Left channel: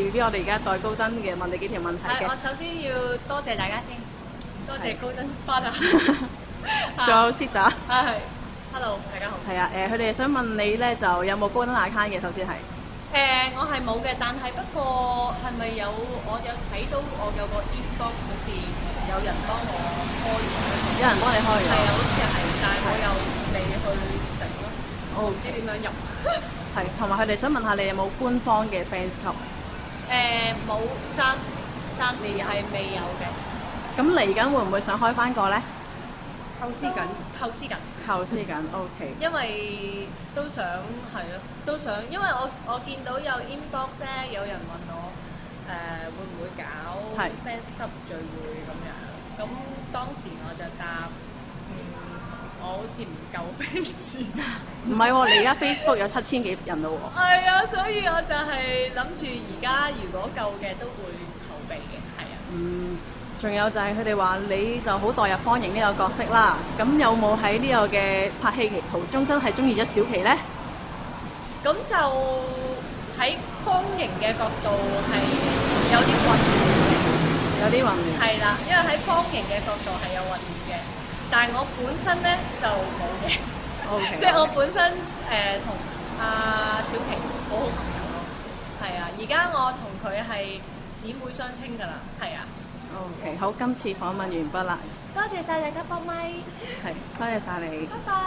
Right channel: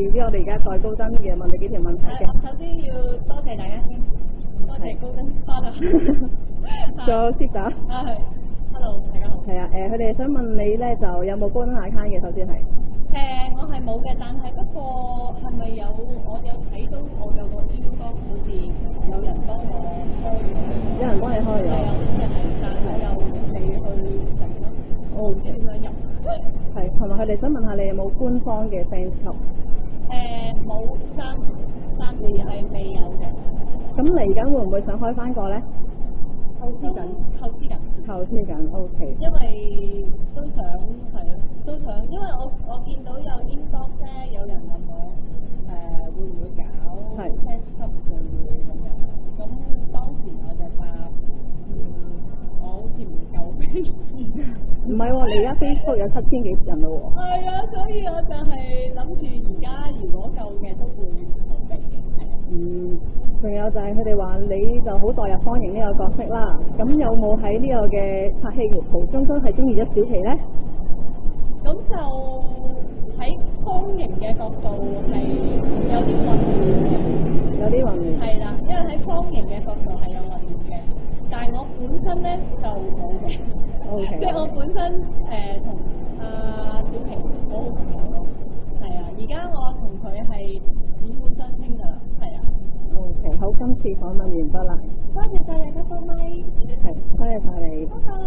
如俾我哋而家代高登嘅問你幾條問題嘅。我首先要多謝大家先，多謝高登Father，仲有 Sita。係 ，Hello， 大家好。係啊，佢哋想問你咧，就有冇高登 account 嘅？首先係。我係冇嘅，但係不過係咪有？我有睇到我有個 inbox 好似有人幫我開咗。有人幫你開咗？係啊，好似係，但係我又未去整咯，唔知點樣入。係，同埋佢哋想問下你有冇官方嘅 fans club？冇，暫時係未有嘅。咁嚟緊會唔會想開翻個咧？構思緊 OK。因為都想係咯，都想，因為我見到有 inbox 咧，有人問我會唔會搞 fans club 聚會咁樣，咁當時我就答我好似唔夠 fans。唔係喎，你而家 Facebook 有7000幾人咯喎。係啊，所以我就係諗住而家如果夠嘅都會籌備嘅，係啊。仲有就係佢哋話你就好代入方形呢個角色啦，咁有冇喺呢個嘅拍戲期途中真係中意咗小琪咧？咁就喺方形嘅角度係有啲混亂，有啲混亂。係啦，因為喺方形嘅角度係有混亂嘅，但係我本身咧就冇嘅。OK。即係我本身同阿小琪好好朋友咯，係啊，而家我同佢係姊妹相稱㗎啦，係啊。OK， 好，今次訪問完畢啦。多謝晒大家幫咪。係，多謝晒你。拜拜。